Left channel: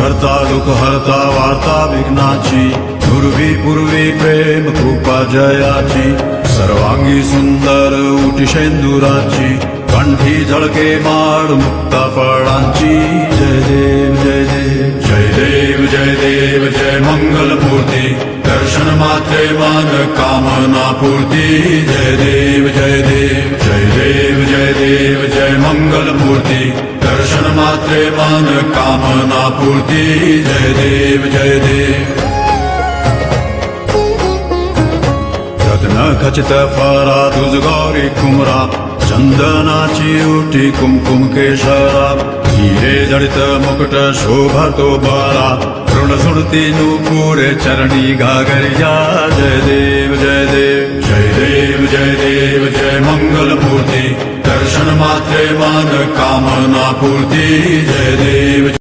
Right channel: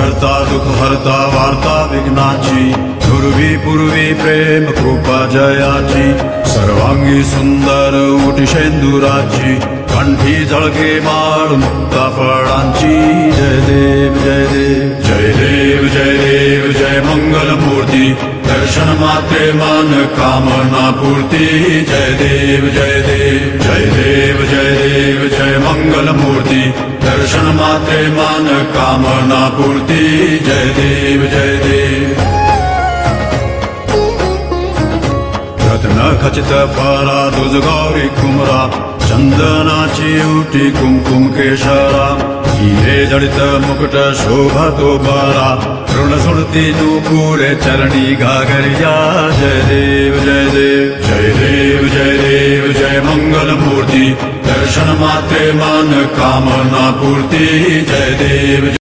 करता दुःख हरता वार्ता विघ्नाची, दुर्वी पूर्वी प्रेम कृपा जयाची, सर्वांगी सुंदर उटी शेंदुराची, कंठी झळके माळ मुक्ता फळांची. जय देव जय देव जय देव जय देव जय मंगलमूर्ती, दर्शन मात्रे मान कामना पूर्ती. जय देव जय देव जय देव जय देव जय मंगलमूर्ती, दर्शन मात्रे मान कामना पूर्ती. जय देव जय देव. रत्न खचित फरा दुज गौरी कुमरा, चंदनाची उटी कुमकुम केशरा, हिरे जडित मुकुट शोभतो बरा, ऋण सुरती नूपुरे चरणी घागरिया. जय देव जय देव जय देव जय देव जय मंगलमूर्ती, दर्शन मात्रे मान कामना पूर्ती. जय देव.